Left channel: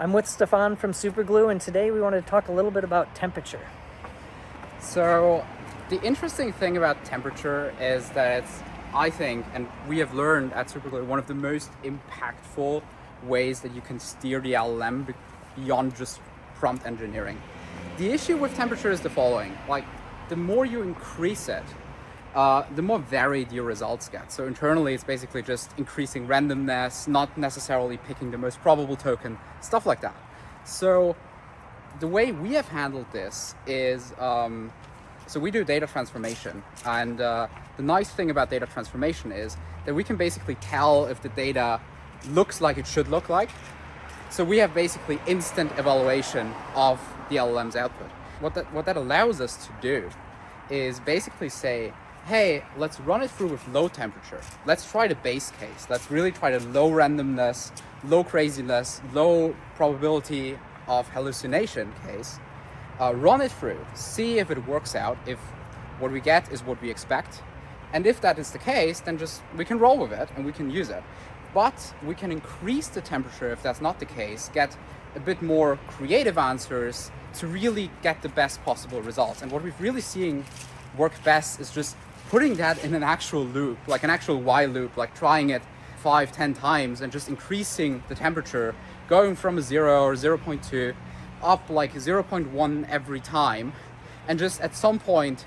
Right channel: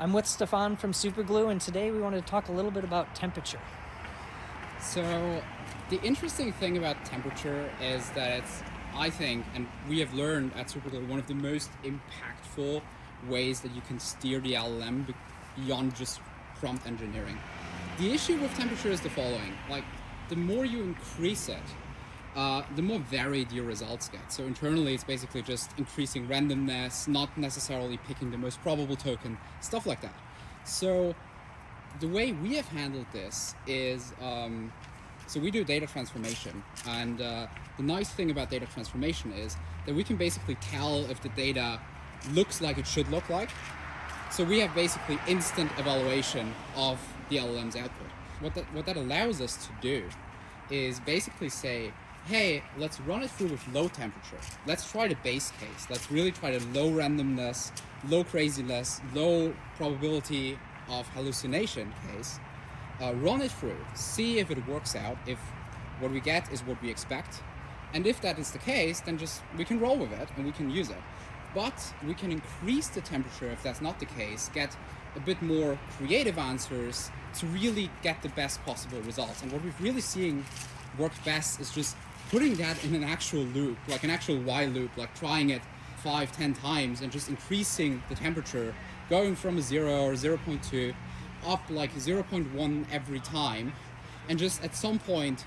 I'm with Stefan from Superglue, and today we want to talk a little bit about temperature. So the interesting thing about temperature is that it's, I think, and we have learned at Superglue, one of the most impactful ways that you can steer the LLM beyond just prompt engineering. The issue with temperature is the following: like, the more you increase it, the more varied your results get. So internally, it's basically just increasing randomness, not necessarily picking the most probable token, stuff like that. So the way we have handled this is, so we do data transformation. And the nice thing about data transformation is that we can basically tell if the data looks like it should look like. So we have basically instant evaluation of the LLM's output. What that allows us to do is basically say, hey, let's run it through with low temperature. Let's try the base case. Let's really try the low randomness, low craziness, low probability of hallucination case. Run it through, see if it works out, if what we get is what we expect. And if that is the case, then we can roll with it and we can use it. But we can increase the temperature if that's not the case, get a bit more creative answers to really get the best possible results. And what we've really seen work best is just putting that in an actual loop, like an actual while loop, like trying it 5-10 times and just increasing the temperature, going from a 0 or 0.2 up like 0.1 every time. And just at some point,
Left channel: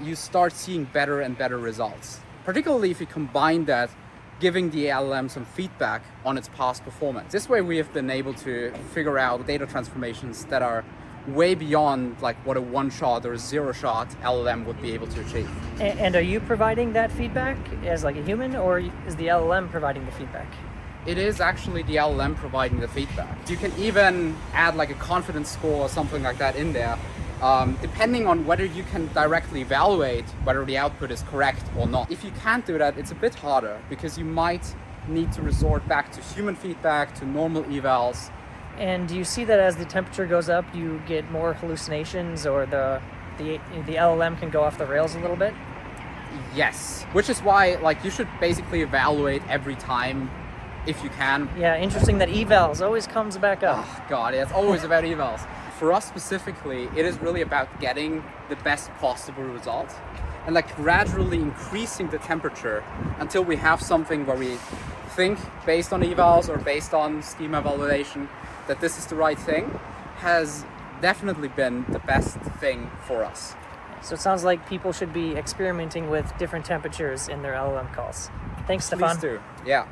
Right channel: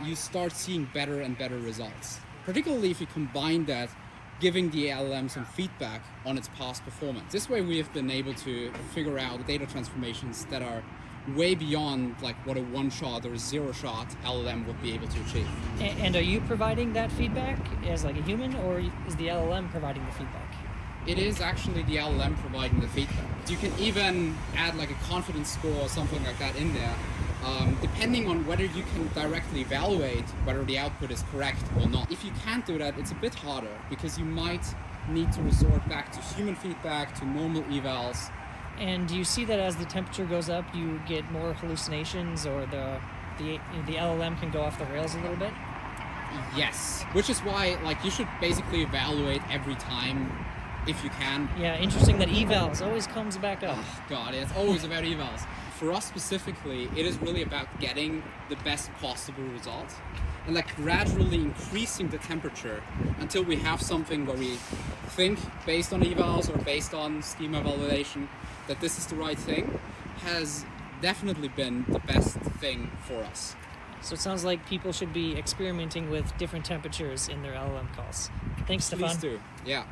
you start seeing better and better results. Particularly if you combine that, giving the LLM some feedback on its past performance. This way we have been able to figure out data transformations that are way beyond like what a one-shot or zero-shot LLM would be able to achieve. And are you providing that feedback as like a human, or is the LLM providing the feedback? It is actually the LLM providing the feedback. You can even add like a confidence score or something like that in there, depending on whether you can directly evaluate whether the output is correct or not. If you can't do that, it's a bit harder because you might need to resort back to human feedback, to normal evals. And do you see that as the temperature goes up, you get more hallucinations, or the LLM can go off the rails a little bit? Yes, which is why like you should basically evaluate every time if you can. Yeah, interesting that evals always comes back up. Oh god, yeah, it's always about evals. For us specifically, it is really about getting the best possible results and like gradually increasing the temperature until we have something where we think, based on evals or based on schema validation, that this is the right thing, has definitely been the best thing for us. So it sounds like people should be experimenting with different temperatures in their LLM calls. Thanks, Stefan. Please do. Yeah.